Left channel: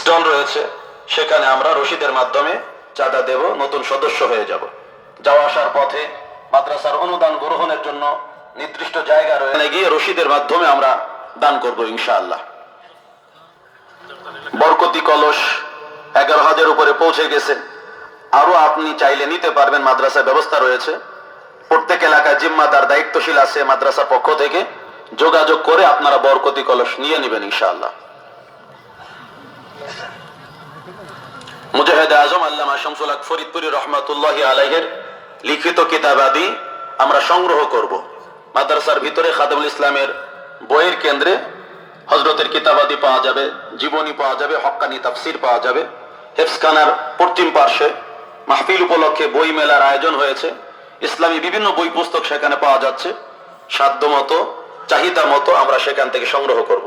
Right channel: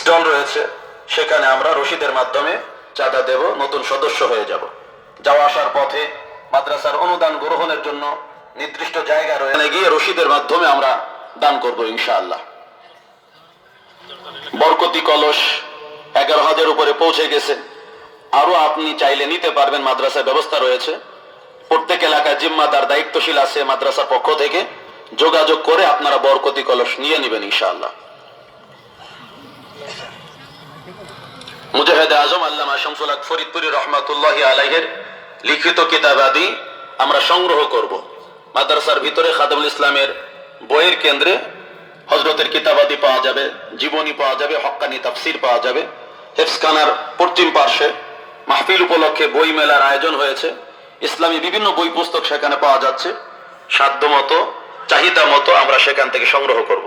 Stall রয়েছে, সেখানে আমরা রশিদের মাধ্যমে চাঁদা দেব, নতুন সদস্য হয়ে যাব। যাওয়া আসার পথে মাদ্রাসার অনুদান গ্রহণের জন্য নির্দিষ্ট জায়গা রয়েছে, গিয়ে রশিদের মাধ্যমে আমরা দান করব ইনশাআল্লাহ। বরকতি কলস 11,000 উপরে পৌঁছে গেছে। আরো আপনি চাইলে নিতে পারবেন, মাদ্রাসার ব্যবস্থা রয়েছে। প্রত্যেক এলাকায় জিম্মাদার দায়িত্বশীল আছে মাদ্রাসার পক্ষ থেকে, যোগাযোগ করে আপনারা বরকতি কলস নিয়ে নেবেন ইনশাআল্লাহ। মুজাহিদ আজম আল্লামা শামসুল হক ফরিদপুরি রহমাতুল্লাহি আলাইহির লিখিত কিতাবাদি আমরা সংগ্রহ করব। মাদ্রাসার ভিতরে খাদেমুল ইসলামের বইয়ের কেন্দ্রে হযরতের কিতাবাদি পাওয়া যাবে, জীবনী পাওয়া যাবে, হক্কানি তাফসীর পাওয়া যাবে। হেফজখানার পশ্চিম পার্শ্বে মাহফিল উপলক্ষে বই মেলার আয়োজন হয়েছে। ইসলামী বিভিন্ন বই পুস্তক সেখানে পাওয়া যাচ্ছে। সাধ্য মতো, চাহিদা মতো আমরা সেখান থেকে সংগ্রহ করব।